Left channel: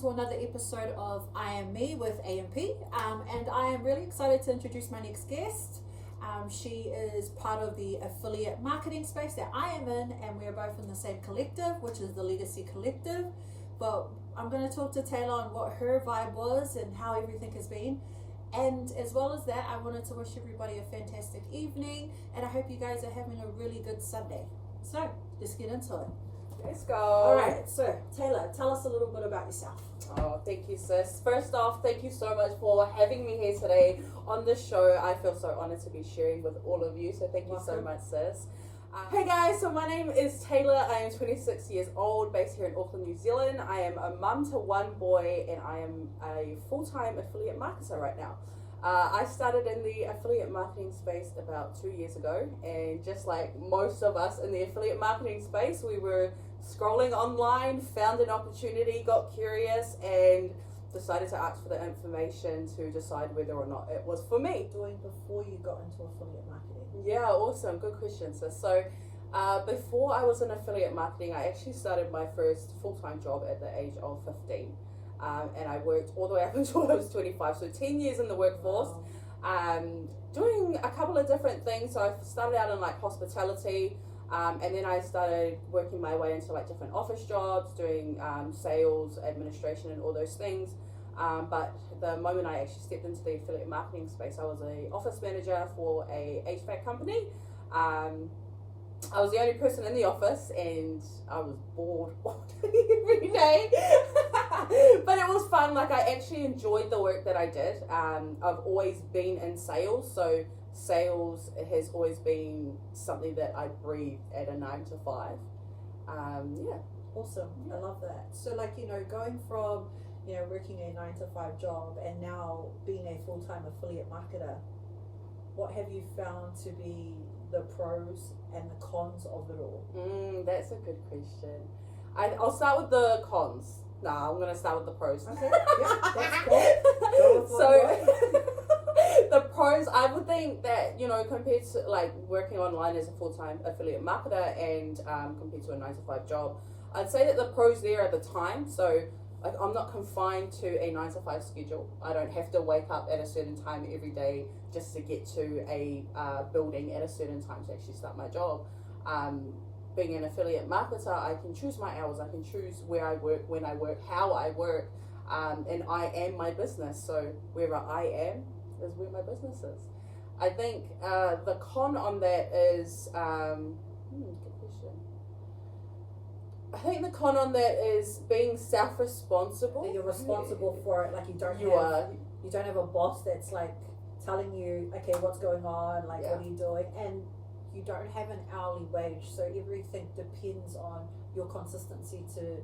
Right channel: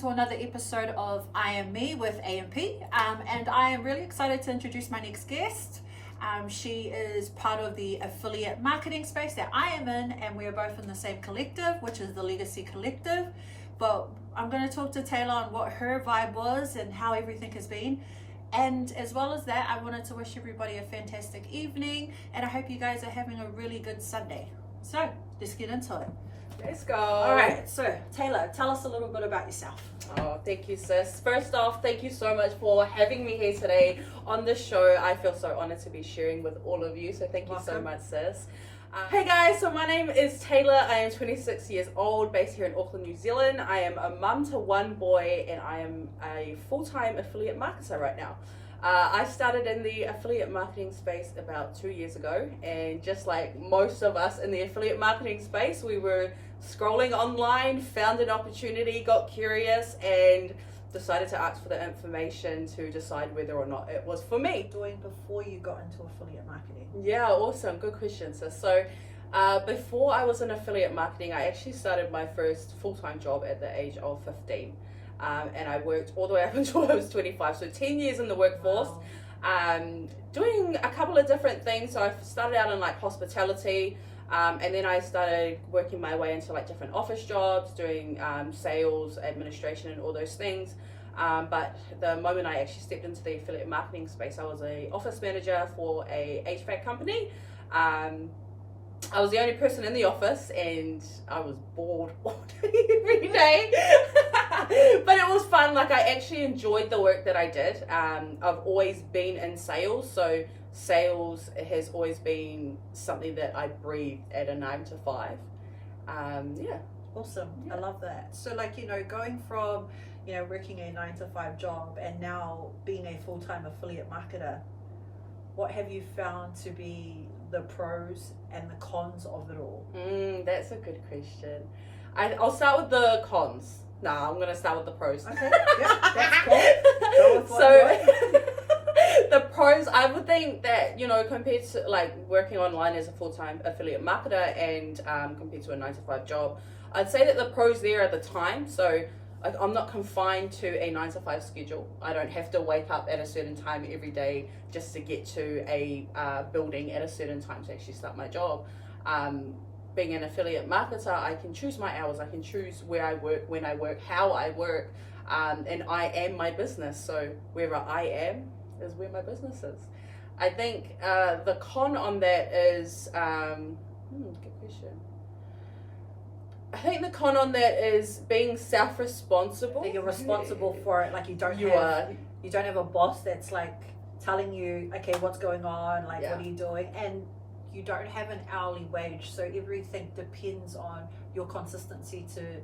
to another episode of I Am Me with AMP. And I am really excited to introduce my next guest. She is part of the affiliate marketing space that I am in, and we're both in the same collective, which is the Legacy Collective. But I'm going to talk to Taylah on what her vibe was and how everything has been. And as well as that, I wanted to wish everybody a fantastic evening, and I hope you guys are having a really good Sunday. So let's get into it. Let's go. All right, so Taylah, tell us a little bit about yourself. Oh, thank you, sis. First off, thank you so much for having me here today on the show. I feel so honored to be sharing with all of you, so thank you so much, sis. Hey guys, so my name is Taylah. I am 26 years old, based here in Auckland, New Zealand. I am a mum to one boy, and I am a full-time affiliate marketer right now. I started in the affiliate marketing space about 2 years ago, and just like most of us in the affiliate marketing space, we were scrolling online, found an opportunity, got curious, and decided to ask for the information to decide whether or not it was for me. Doing before you got into affiliate marketing? Yeah, awesome. Good question, sis. So before I was in affiliate marketing, I actually started my first full-time job at the age of 15. And I worked all the way up until I was 25, so 10 years in the workforce. Wow. Doing a couple of different things. So I started out in like hospitality, and then I started working my way into like different office jobs, doing sales, administration, and all those things. But the moment I actually stepped into the affiliate marketing space, I was a office manager for a HVAC company. I was the only person in the office, and I was bored all day, every day. But it was fun. Like, I actually enjoyed the work that I did. I've always been in sales, so sales has always been something that I breathed at a 9 to 5. Yeah. Awesome. Yeah. I love that. So, like, you know, going from, you know, working a 9 to 5 job and now being a full-time affiliate marketer, what have you found to be the pros and the cons of it all? That's a good question. I'll start with the cons. I'm going to start with the pros. Okay, yeah, that's cool. Go with what the pros, I would think that, you know, compared to like working online as a full-time affiliate marketer and compared to a 9 to 5 job, I'd say that the pros there are the time. So I'm not confined to a 9 to 5 schedule. I don't have to wake up at a certain time every day just to get to a building at a certain time to actually start my job. Being an affiliate marketer, I can choose my hours. I can choose where I work, when I work, how I work, and I am my business. So wherever I am is where my business is. I think the con on that is, good question. I think the con on that is being self-responsible. That you're responsible for it. Like you don't have a boss that's like telling you, okay, what's going on? Like, what are you doing? And you don't have an hourly wage, so everything depends on your consistency to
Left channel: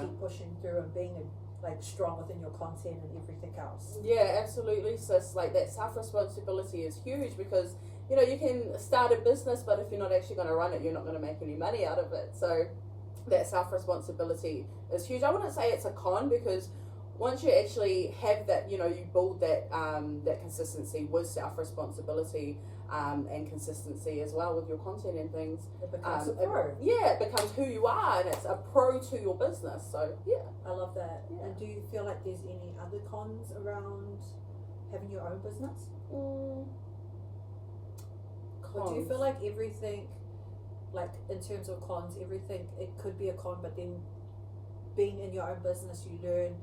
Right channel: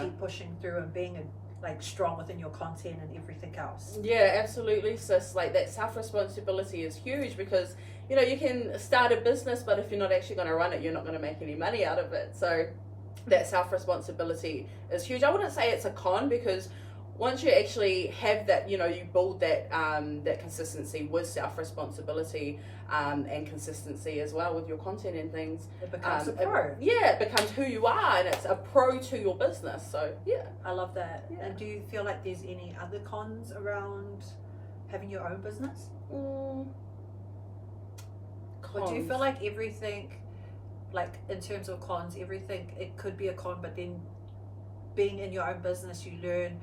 keep pushing through and being like strong within your content and everything else. Yeah, absolutely, sis. Like that self-responsibility is huge because, you know, you can start a business, but if you're not actually going to run it, you're not going to make any money out of it. So that self-responsibility is huge. I wouldn't say it's a con, because once you actually have that, you know, you build that that consistency with self-responsibility and consistency as well with your content and things. It becomes a pro. It becomes who you are, and it's a pro to your business. So yeah, I love that. Yeah. And do you feel like there's any other cons around having your own business? Cons. Or do you feel like everything, like in terms of cons, everything, it could be a con, but then being in your own business, you learn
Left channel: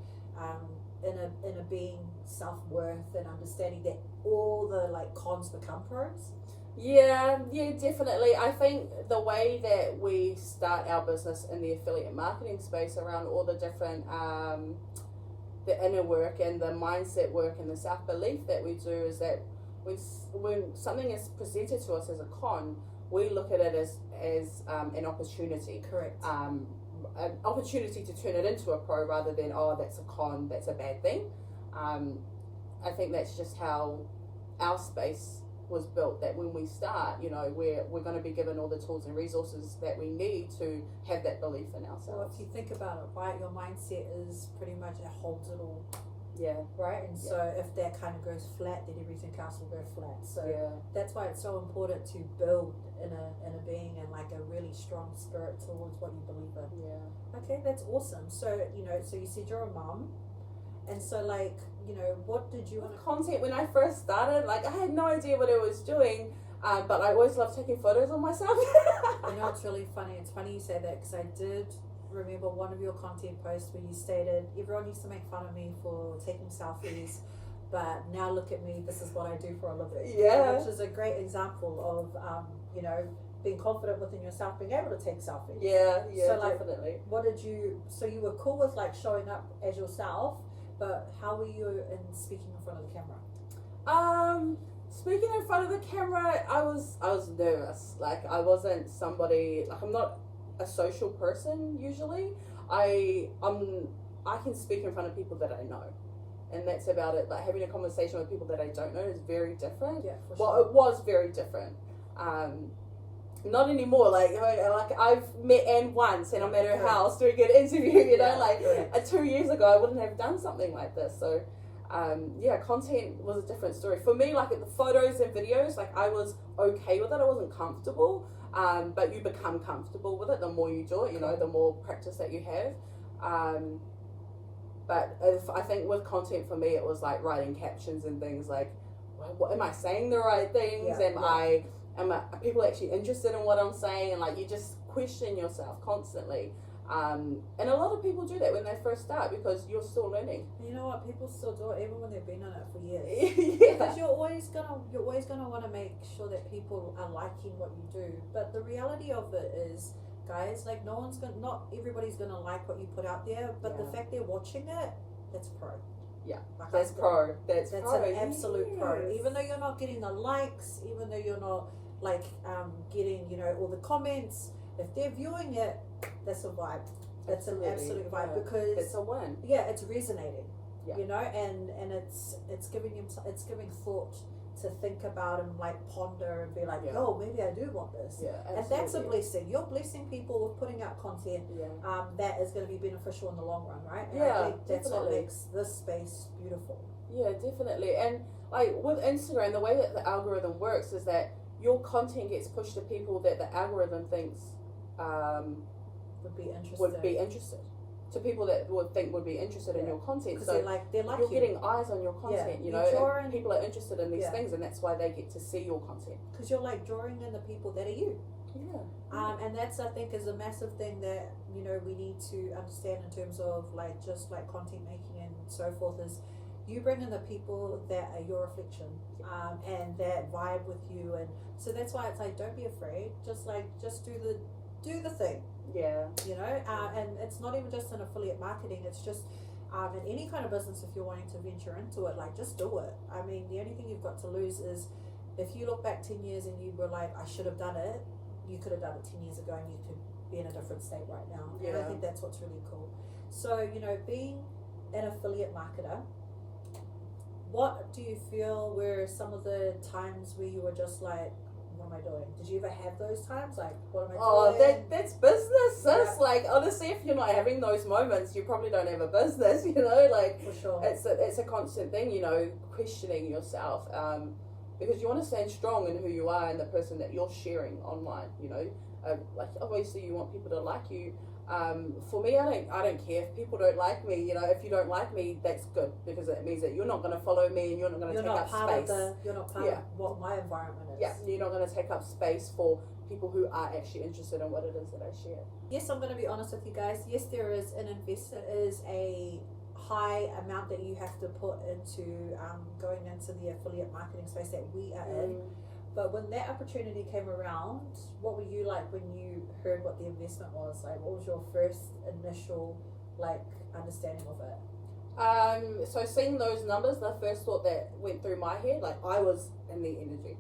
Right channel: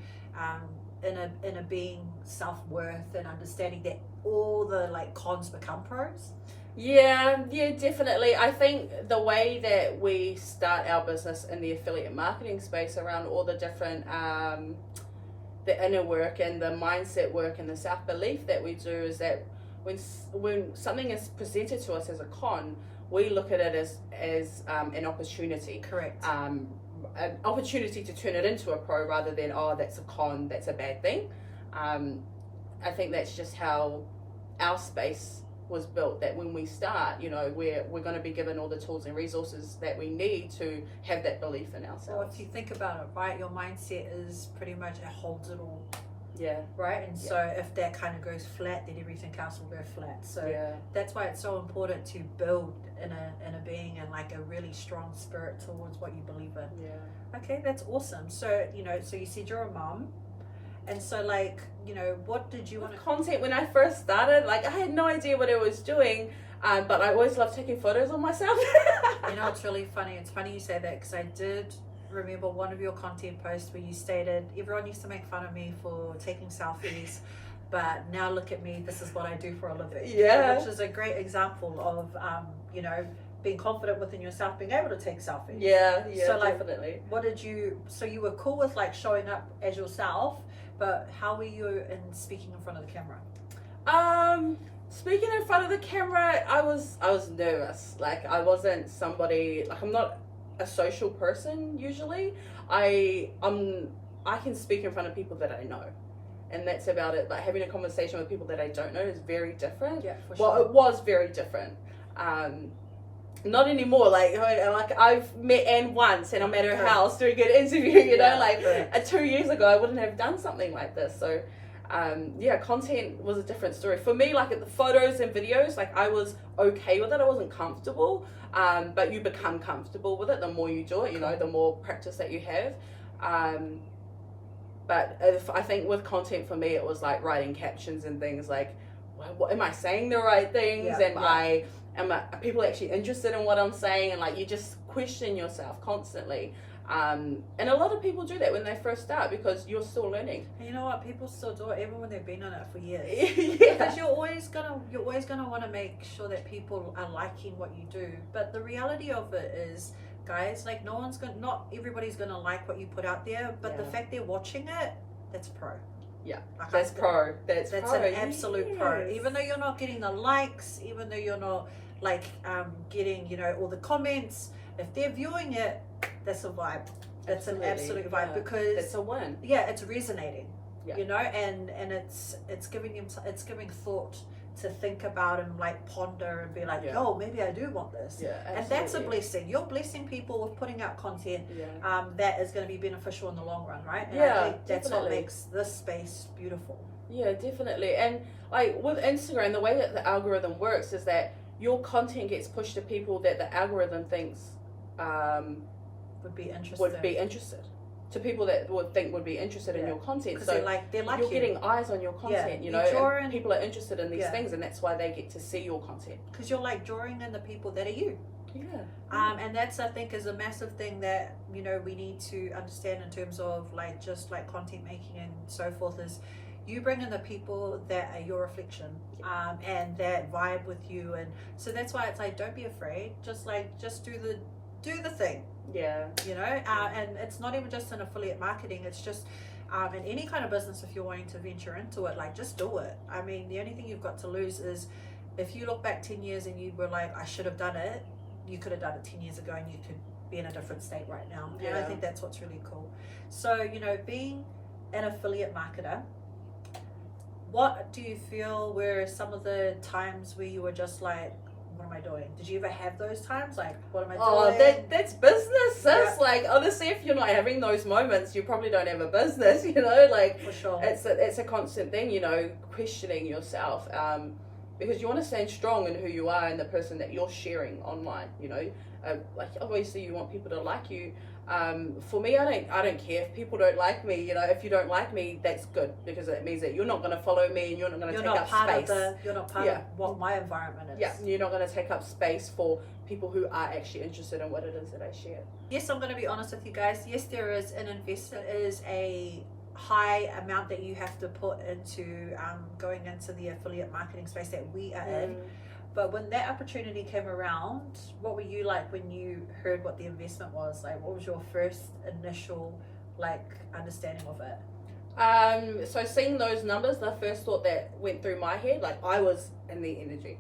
in a being self-worth and understanding that all the like cons become pros? Yeah, definitely. I think the way that we start our business in the affiliate marketing space around all the different the inner work and the mindset work and the self-belief that we do is that when something is presented to us as a con, we look at it as an opportunity. Correct. An opportunity to turn it into a pro rather than, oh, that's a con, that's a bad thing. I think that's just how our space was built, that when we start, you know, we're going to be given all the tools and resources that we need to have that belief in ourselves. Well, if you think about it, right, your mindset is pretty much, it holds it all. Yeah. Right? And so if that kind of goes flat, then everything else will go flat. So that's why it's so important to build in a being and like a really strong spirit towards what you believe in. Yeah. Okay, that's awesome. So, you know, so you said you're a mom. And so, like, you know, what did you want to... Content, when I first started, like, I had no idea what I was doing, but I always loved taking photos of myself. You know, it's really funny. It's funny you say that, because I did remember one of your content posts where you stated, everyone used to make fun of me for taking selfies, but now look at me, this is what I do for a living. Yeah. Which is a great example of, you know, being confident within yourself, being able to take selfies. Yeah, so, like, definitely. What did you... So you were cool with, like, showing up as yourself, but how were you in speaking in front of the camera? Speaking in front of the camera, I was nervous. Like, I wasn't somebody, like, I'm not a social person usually. I can speak in front of people that I know, and that's about it. Like, having a conversation with people that I don't know is very different. Yeah, for sure. Well, it was very different. Not anymore. Like I've met Anne once, and I'm at her house doing an interview. You know, like 2 years ago, I wouldn't have done something like this. So, yeah, content was a different story for me. Like, at the photos and videos, like, I was okay with it. I wasn't comfortable, but you become comfortable with it the more you do it. You know, the more practice that you have. But I think with content for me, it was like writing captions and things like, what, am I saying the right things? Are people actually interested in what I'm saying? And like, you just question yourself constantly. And a lot of people do that when they first start, because you're still learning. And you know what? People still do it even when they've been on it for years. Yeah. Because you're always gonna want to make sure that people are liking what you do. But the reality of it is, guys, like, not everybody's gonna like what you put out there. But the fact they're watching it, that's pro. Yeah, like, that's pro. That's pro. An absolute pro. Even though you're not getting the likes, even though you're not like getting, you know, all the comments, if they're viewing it, that's a vibe. That's an absolute vibe, because it's a win. Yeah, it's resonating. Yeah. You know, and it's giving thought to think about and like ponder and be like, oh, maybe I do want this. Yeah, and that's a blessing. You're blessing people with putting out content that is going to be beneficial in the long run, right? And I think that's what makes this space beautiful. Yeah, definitely. And like with Instagram, the way that the algorithm works is that your content gets pushed to people that the algorithm thinks would be interested. To people that would be interested in your content. Because so they're like you're getting eyes on your content, you know, and people are interested in these things, and that's why they get to see your content. Because you're like drawing in the people that are you. Yeah. And that's, I think, is a massive thing that, you know, we need to understand in terms of like just like content making and so forth, is you bring in the people that are your reflection, and that vibe with you. And so that's why it's like, don't be afraid, just do the thing. Yeah. You know, and it's not even just in affiliate marketing, it's just in any kind of business. If you're wanting to venture into it, like, just do it. I mean, the only thing you've got to lose is if you look back 10 years and you were like, I should have done it, you could have done it 10 years ago and you could be in a different state right now. And I think that's what's really cool. So, you know, being an affiliate marketer, what do you feel were some of the times where you were just like, what am I doing? Did you ever have those times? Like, what am I doing? Oh, that's business, sis. Yeah. Like, honestly, if you're not having those moments, you probably don't have a business, you know? Like, for sure. It's a constant thing, you know, questioning yourself. Because you want to stand strong in who you are and the person that you're sharing online, you know? Like, obviously you want people to like you. For me, I don't care if people don't like me. You know, if you don't like me, that's good, because it means that you're not going to follow me and you're not going to take up space. You're not part of what my environment is. Yeah, you're not going to take up space for people who are actually interested in what it is that I share. Yes, I'm going to be honest with you guys. Yes, there is a high amount that you have to put into going into the affiliate marketing space that we are in. But when that opportunity came around, what were you like when you heard what the investment was? Like, what was your first initial like understanding of it? So seeing those numbers, the first thought that went through my head, like, I was in the energy.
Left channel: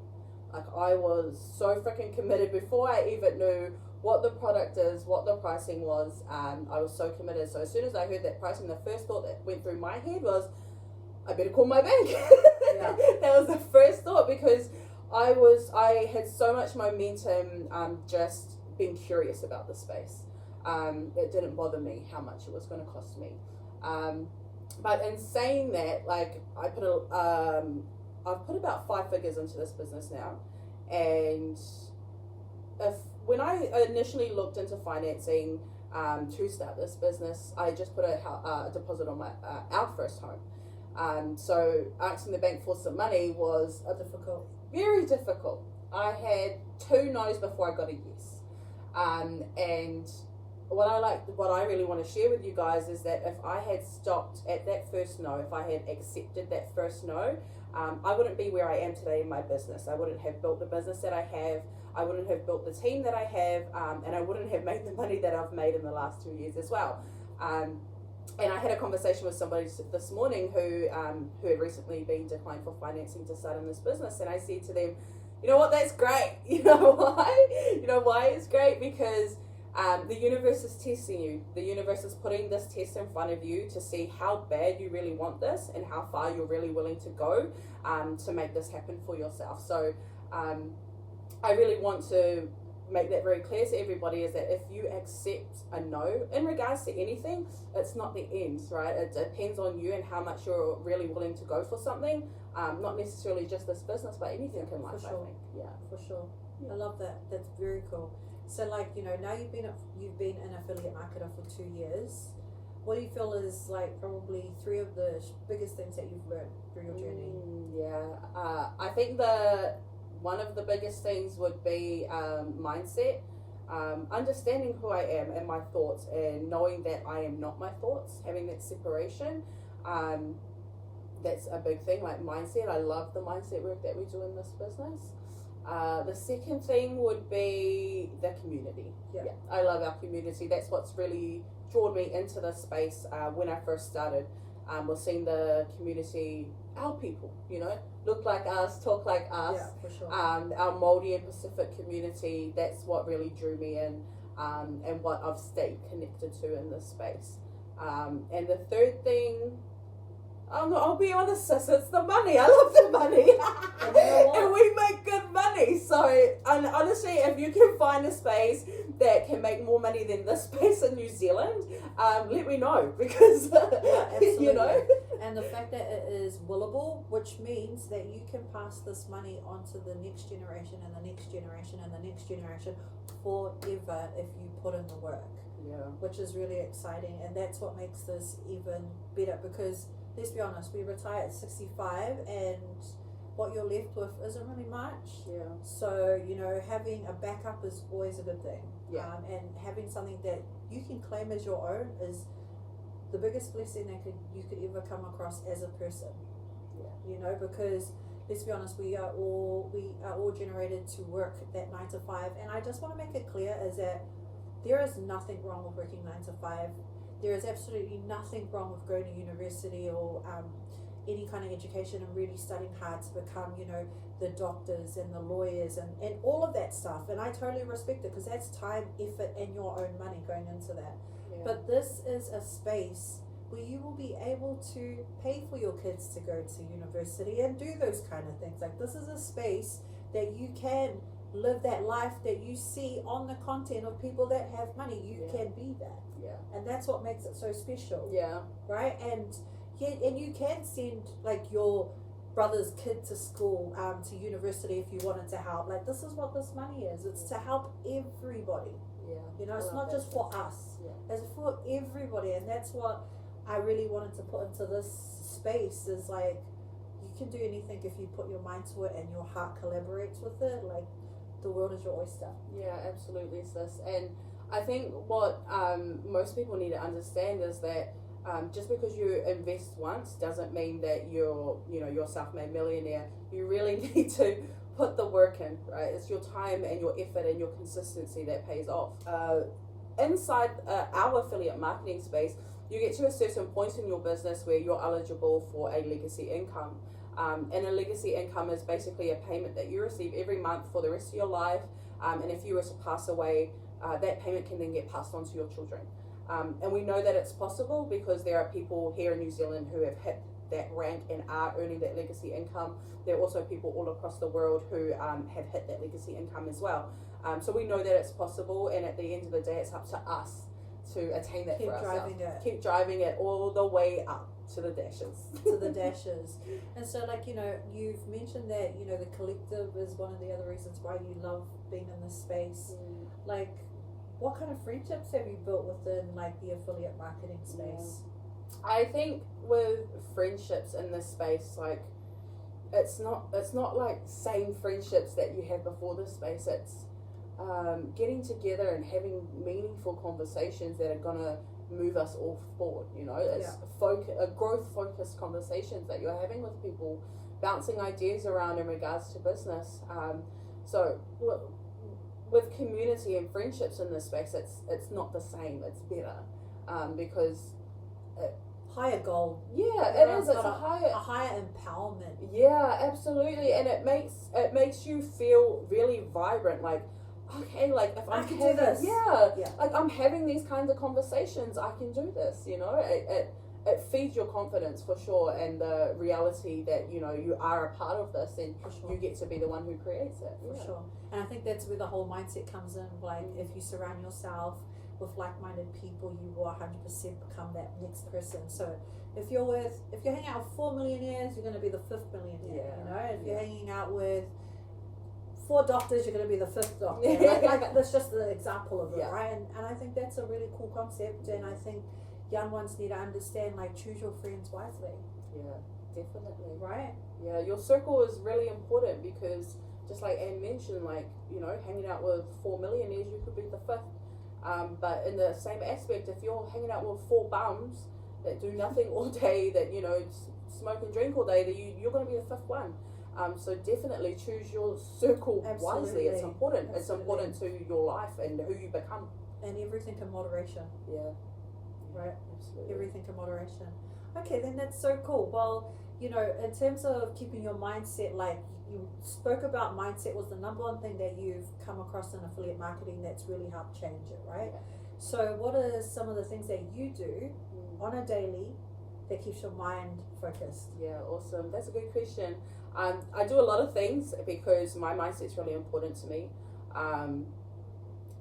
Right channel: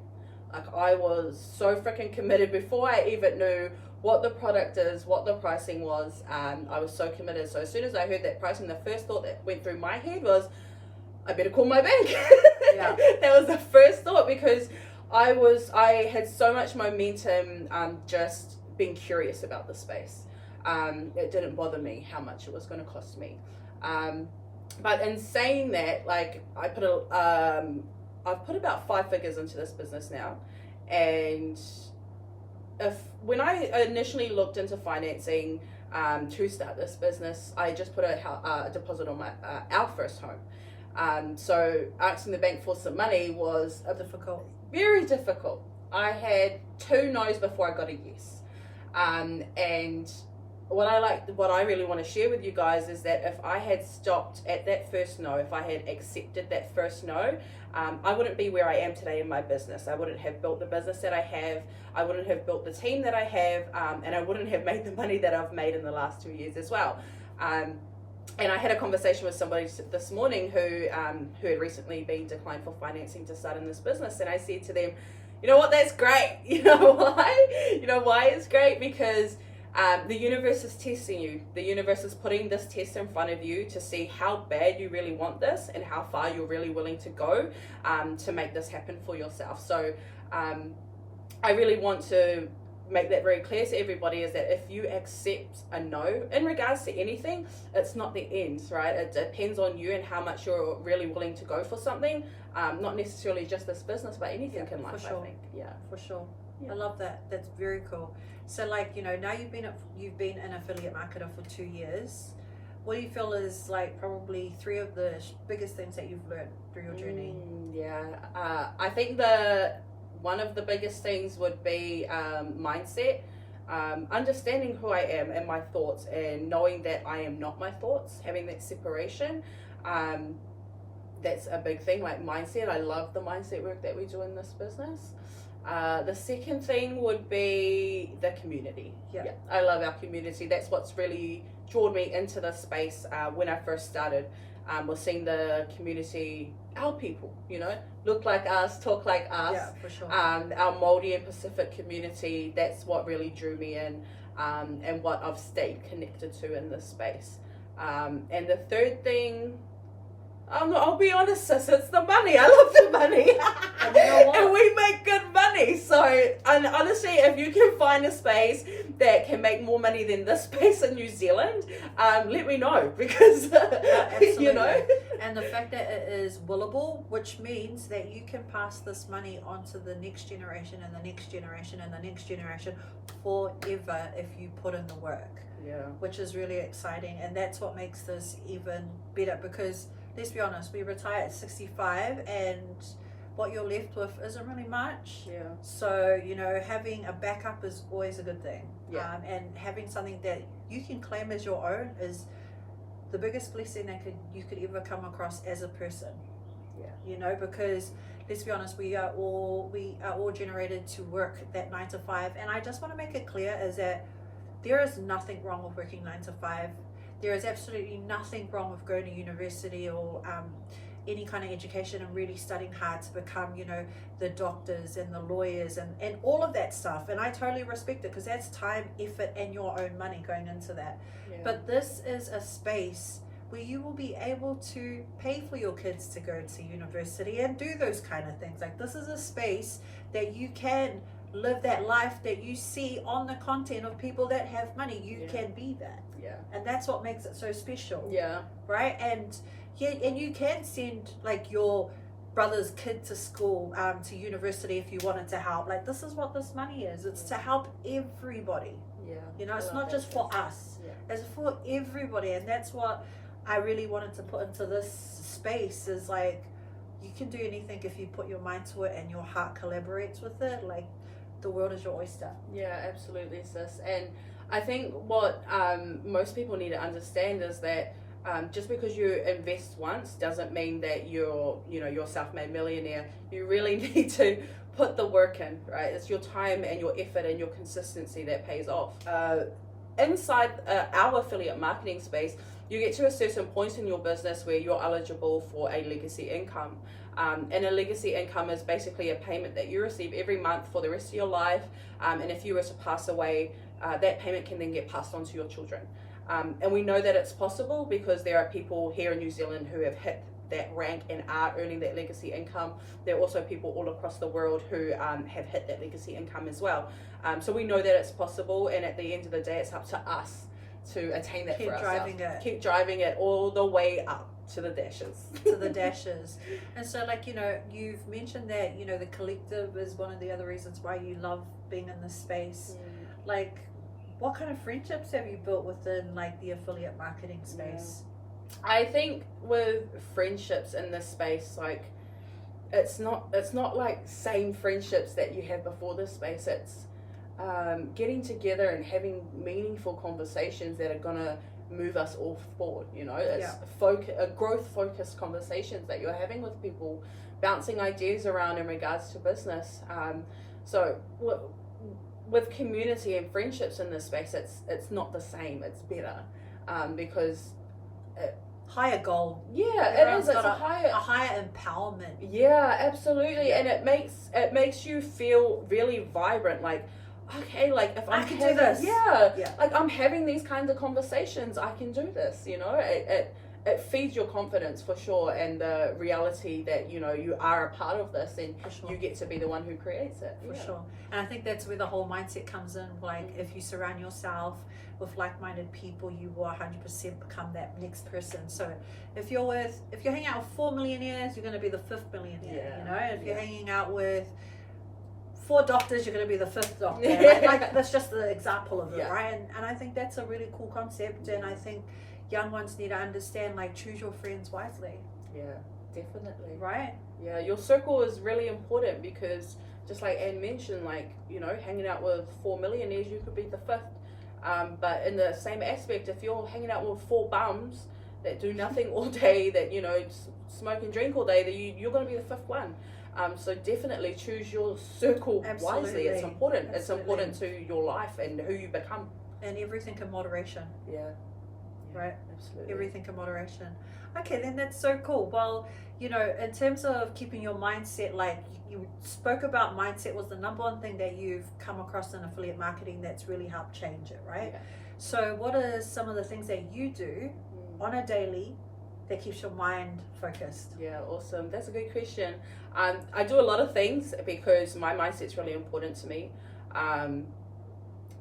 Like, I was so freaking committed before I even knew what the product is, what the pricing was. I was so committed. So as soon as I heard that pricing, the first thought that went through my head was, I better call my bank. Yeah. That was the first thought, because I had so much momentum, just being curious about the space. It didn't bother me how much it was going to cost me. But in saying that, like, I've put about 5 figures into this business now, and when I initially looked into financing to start this business, I just put a deposit on our first home. So asking the bank for some money was Difficult. very difficult. I had 2 no's before I got a yes. And what I really want to share with you guys is that if I had stopped at that first no, if I had accepted that first no, I wouldn't be where I am today in my business. I wouldn't have built the business that I have. I wouldn't have built the team that I have, and I wouldn't have made the money that I've made in the last 2 years as well. And I had a conversation with somebody this morning who had recently been declined for financing to start in this business, and I said to them, you know what, that's great. You know why? You know why it's great? Because the universe is testing you. The universe is putting this test in front of you to see how bad you really want this and how far you're really willing to go to make this happen for yourself. So I really want to make that very clear to everybody, is that if you accept a no in regards to anything, it's not the end, right? It depends on you and how much you're really willing to go for something, not necessarily just this business, but anything in life. For sure. I think. For sure. Yeah. I love that. That's very cool. So like, you know, now you've been an affiliate marketer for 2 years. What do you feel is like probably 3 of the biggest things that you've learned through your journey? I think one of the biggest things would be mindset, understanding who I am and my thoughts, and knowing that I am not my thoughts, having that separation. That's a big thing, like mindset. I love the mindset work that we do in this business. The second thing would be the community. Yeah, I love our community. That's what's really drawn me into this space when I first started. Was seeing the community, our people, you know, look like us, talk like us. Yeah, for sure. Our Māori and Pacific community, that's what really drew me in, and what I've stayed connected to in this space. And the third thing, I'll be honest, sis, it's the money. I love the money. And you know what? And we make good money. So, and honestly, if you can find a space that can make more money than this space in New Zealand, let me know, because, Absolutely. you know. And the fact that it is willable, which means that you can pass this money on to the next generation and the next generation and the next generation forever if you put in the work. Yeah. Which is really exciting. And that's what makes this even better, because let's be honest, we retire at 65 and what you're left with isn't really much. Yeah. So, you know, having a backup is always a good thing. Yeah. And having something that you can claim as your own is the biggest blessing that you could ever come across as a person. Yeah. You know, because let's be honest, we are all generated to work that 9 to 5, and I just want to make it clear is that there is nothing wrong with working 9 to 5. There is absolutely nothing wrong with going to university or any kind of education and really studying hard to become, you know, the doctors and the lawyers and all of that stuff. And I totally respect it, because that's time, effort, and your own money going into that. Yeah. But this is a space where you will be able to pay for your kids to go to university and do those kind of things. Like, this is a space that you can live that life that you see on the content of people that have money. You can be that. Yeah. And that's what makes it so special. Yeah. Right? And you can send like your brother's kid to school, to university if you wanted to help. Like, this is what this money is. It's to help everybody. Yeah. You know, it's not just for us. Yeah. It's for everybody. And that's what I really wanted to put into this space, is like, you can do anything if you put your mind to it and your heart collaborates with it. Like, the world is your oyster. Yeah, absolutely, sis. And I think what most people need to understand is that just because you invest once doesn't mean that you're self-made millionaire. You really need to put the work in, right? It's your time and your effort and your consistency that pays off. Inside our affiliate marketing space, you get to a certain point in your business where you're eligible for a legacy income. And a legacy income is basically a payment that you receive every month for the rest of your life. And if you were to pass away, that payment can then get passed on to your children. And we know that it's possible because there are people here in New Zealand who have hit that rank and are earning that legacy income. There are also people all across the world who have hit that legacy income as well. So we know that it's possible, and at the end of the day, it's up to us to attain that for ourselves. Keep driving it all the way up to the dashes. To the dashes. And so, like, you know, you've mentioned that, you know, the collective is one of the other reasons why you love being in this space. Like, what kind of friendships have you built within, like, the affiliate marketing space? I think with friendships in this space, like, it's not like same friendships that you had before this space. It's getting together and having meaningful conversations that are gonna move us all forward. You know, it's growth focused conversations that you're having with people, bouncing ideas around in regards to business. So with community and friendships in this space, it's not the same. It's better because higher goal. Yeah, Everyone's it is. It's got a higher empowerment. Yeah, absolutely, and it makes you feel really vibrant. Like, okay, like if I can do this. Yeah, like I'm having these kinds of conversations, I can do this. You know, it feeds your confidence for sure, and the reality that, you know, you are a part of this, and you get to be the one who creates it. For sure. And I think that's where the whole mindset comes in. Like, if you surround yourself with like-minded people, you will 100% become that next person. So if you're hanging out with 4 millionaires, you're going to be the 5th millionaire. You know, if you're hanging out with 4 doctors, you're going to be the 5th doctor. like that's just the example of it, right? And I think that's a really cool concept, and I think young ones need to understand, like, choose your friends wisely. Yeah, definitely. Right? Yeah, your circle is really important, because just like Anne mentioned, like, you know, hanging out with 4 millionaires, you could be the 5th. But in the same aspect, if you're hanging out with 4 bums that do nothing all day, that, you know, smoke and drink all day, that you're going to be the 5th one. So definitely choose your circle wisely. It's important. It's important to your life and who you become. And everything in moderation. Yeah. Right? Absolutely. Everything in moderation. Okay, then that's so cool. Well, you know, in terms of keeping your mindset, like you spoke about, mindset was the number one thing that you've come across in affiliate marketing that's really helped change it, right? So what are some of the things that you do on a daily that keeps your mind focused? Yeah, awesome. That's a good question. I do a lot of things because my mindset's really important to me.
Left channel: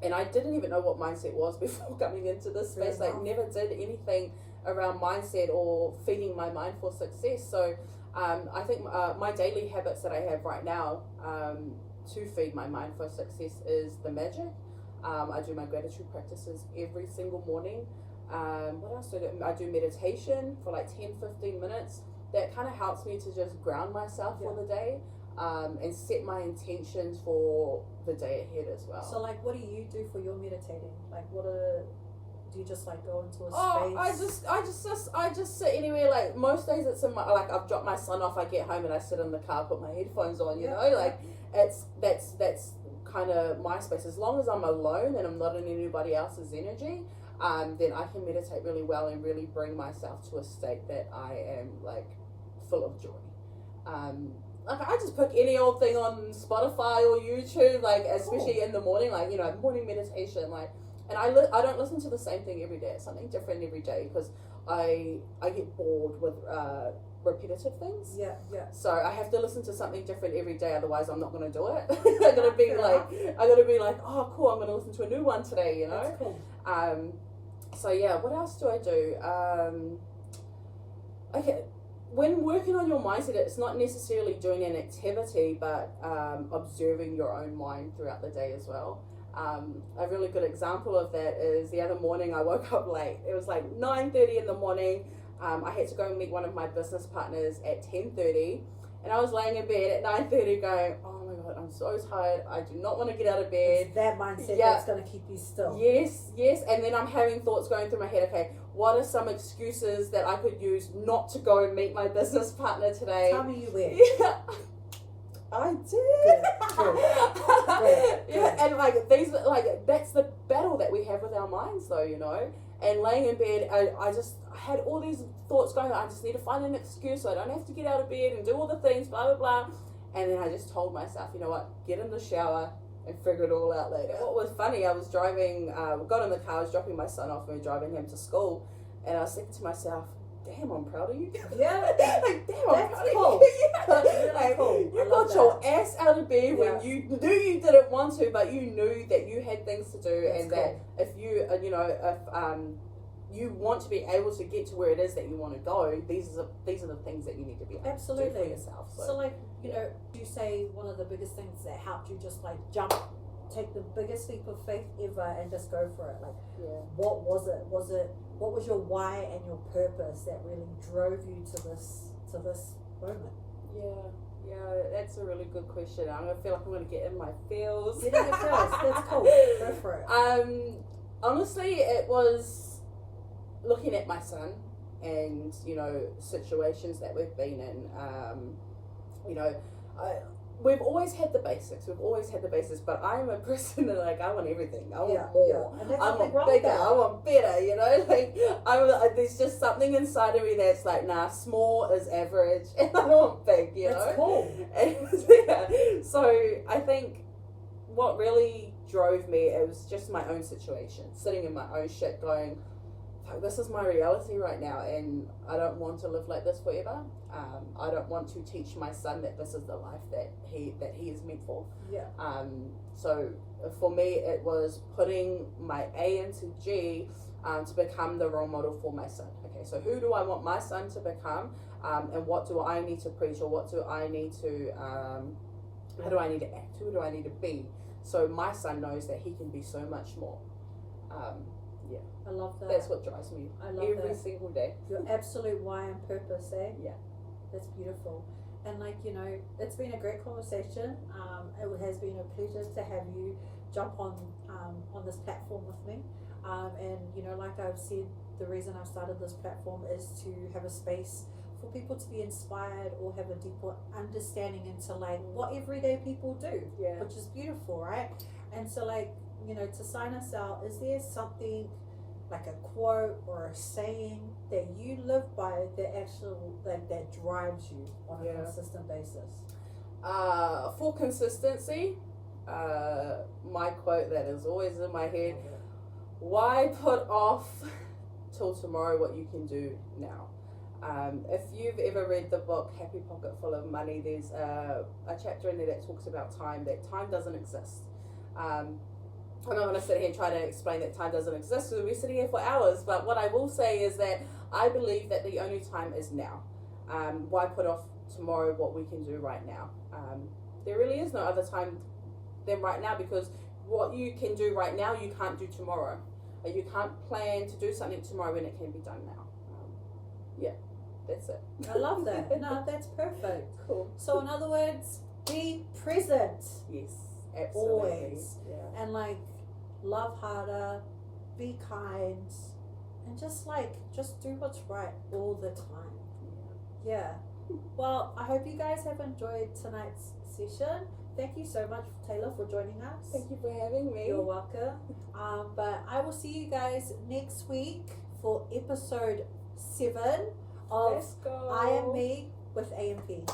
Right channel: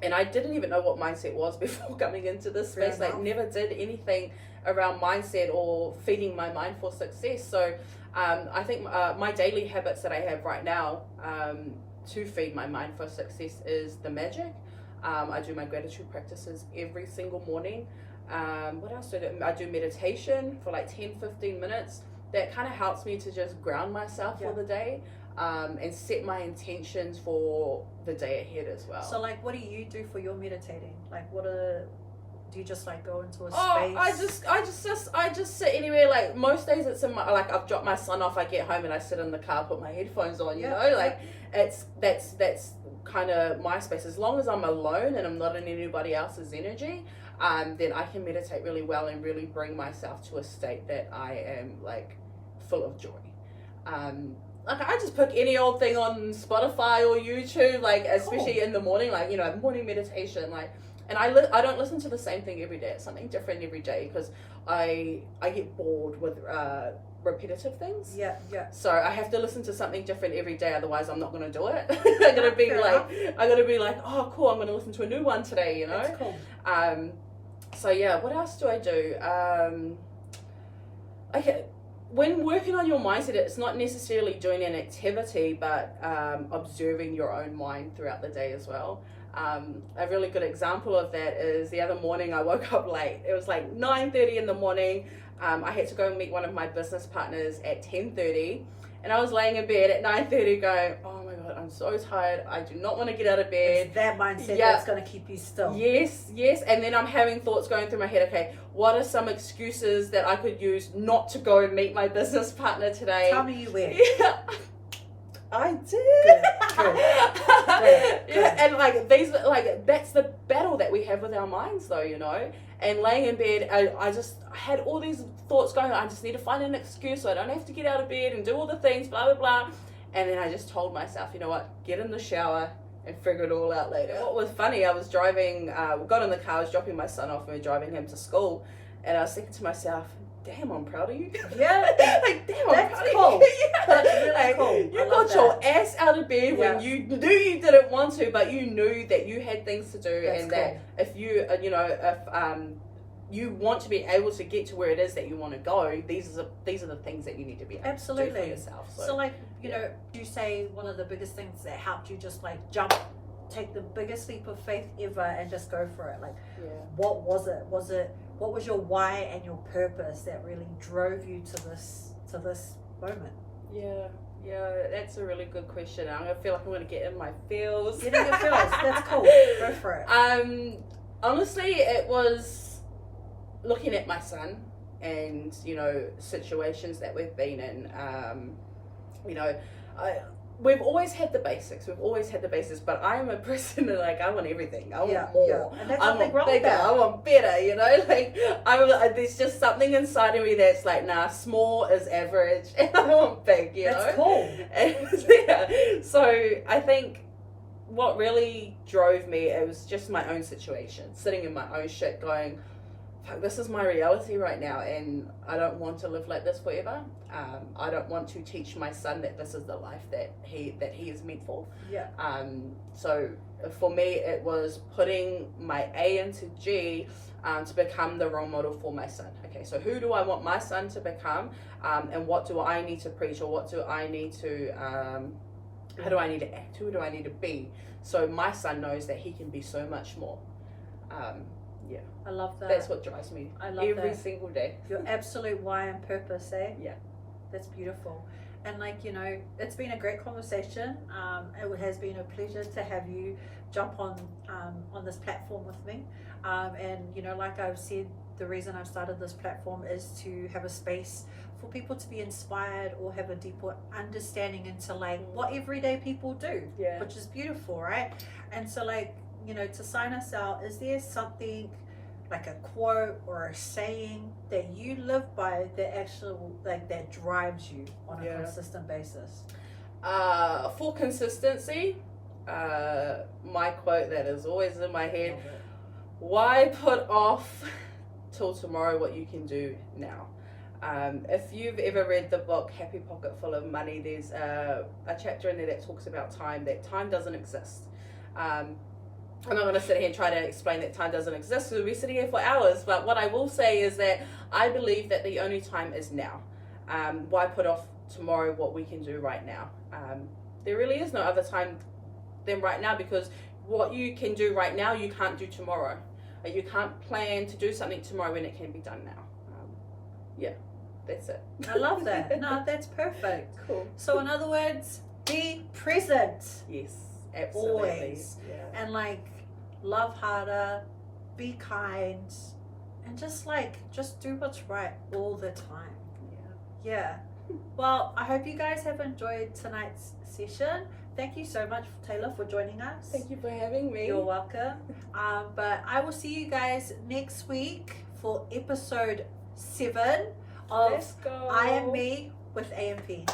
And I didn't even know what mindset was before coming into this space. Like, never did anything around mindset or feeding my mind for success. So I think my daily habits that I have right now to feed my mind for success is the magic. I do my gratitude practices every single morning. What else do I do? I do meditation for like 10-15 minutes. That kind of helps me to just ground myself for the day. And set my intentions for the day ahead as well. So, like, what do you do for your meditating? Like, do you just like go into a space? I just sit anywhere. Like, most days it's in my, like, I've dropped my son off, I get home and I sit in the car, put my headphones on, you know, like that's kind of my space. As long as I'm alone and I'm not in anybody else's energy, then I can meditate really well and really bring myself to a state that I am, like, full of joy. Like, I just pick any old thing on Spotify or YouTube, like, especially in the morning, like, you know, morning meditation, like, and I don't listen to the same thing every day. It's something different every day, because I get bored with repetitive things. Yeah. So I have to listen to something different every day, otherwise I'm not going to do it. I'm going to be like, oh, cool, I'm going to listen to a new one today, you know? That's cool. So yeah, what else do I do? When working on your mindset, it's not necessarily doing an activity, but observing your own mind throughout the day as well. A really good example of that is the other morning I woke up late. It was like 9:30 in the morning. I had to go and meet one of my business partners at 10:30, and I was laying in bed at 9:30 going, oh my God, I'm so tired. I do not want to get out of bed. It's that mindset that's going to keep you still. Yes. And then I'm having thoughts going through my head. Okay, what are some excuses that I could use not to go and meet my business partner today? Tell me you will. Yeah, I did. Good. Yeah, and like that's the battle that we have with our minds, though, you know. And laying in bed, I had all these thoughts going. I just need to find an excuse so I don't have to get out of bed and do all the things, blah blah blah. And then I just told myself, you know what, get in the shower and figure it all out later. What was funny, I was driving, got in the car, I was dropping my son off and we were driving him to school, and I was thinking to myself, damn, I'm proud of you. Yeah. Like, damn, that's I'm proud cool. of you. Yeah. That's really cool. You got your ass out of bed when you knew you didn't want to, but you knew that you had things to do. That's and cool. that if you, you know, you want to be able to get to where it is that you want to go, these are the things that you need to be able to do Absolutely. for yourself. So like, you know, you say one of the biggest things that helped you just like take the biggest leap of faith ever and just go for it. Like, what was it? What was your why and your purpose that really drove you to this moment? Yeah, that's a really good question. I feel like I'm going to get in my feels. Get in your feels. That's cool. Go for it. Honestly, it was looking at my son and, you know, situations that we've been in. You know, we've always had the basics. But I'm a person that, like, I want everything. I want more. Yeah. And that's I something want wrong with bigger. that. I want better. You know, like there's just something inside of me that's like, nah, small is average, and I want big. You know, that's cool. And, yeah. So I think what really drove me, it was just my own situation, sitting in my own shit, going, fuck, this is my reality right now, and I don't want to live like this forever. I don't want to teach my son that this is the life that he is meant for. Yeah. So for me, it was putting my A into G to become the role model for my son. Okay, so who do I want my son to become, and what do I need to preach, or what do I need to, how do I need to act, who do I need to be, so my son knows that he can be so much more. Yeah. I love that. That's what drives me every single day. Your absolute why and purpose, eh? Yeah. That's beautiful. And like, you know, it's been a great conversation. It has been a pleasure to have you jump on this platform with me. And, you know, like I've said, the reason I've started this platform is to have a space for people to be inspired or have a deeper understanding into like what everyday people do, which is beautiful, right? And so like, you know, to sign us out, is there something like a quote or a saying that you live by that drives you on a consistent basis? For consistency, my quote that is always in my head: why put off till tomorrow what you can do now? If you've ever read the book Happy Pocket Full of Money, there's a chapter in there that talks about time, that time doesn't exist. I'm not going to sit here and try to explain that time doesn't exist, because we'll be sitting here for hours, but what I will say is that I believe that the only time is now. Why put off tomorrow what we can do right now? There really is no other time than right now, because what you can do right now, you can't do tomorrow. You can't plan to do something tomorrow when it can be done now. Yeah, that's it. I love that. No, that's perfect. Cool. So in other words, be present. Yes, absolutely. Always. Yeah. And like, love harder, be kind, and just do what's right all the time. Yeah. Well, I hope you guys have enjoyed tonight's session. Thank you so much, Taylah, for joining us. Thank you for having me. You're welcome. But I will see you guys next week for episode 7 of I Am Me with AMP.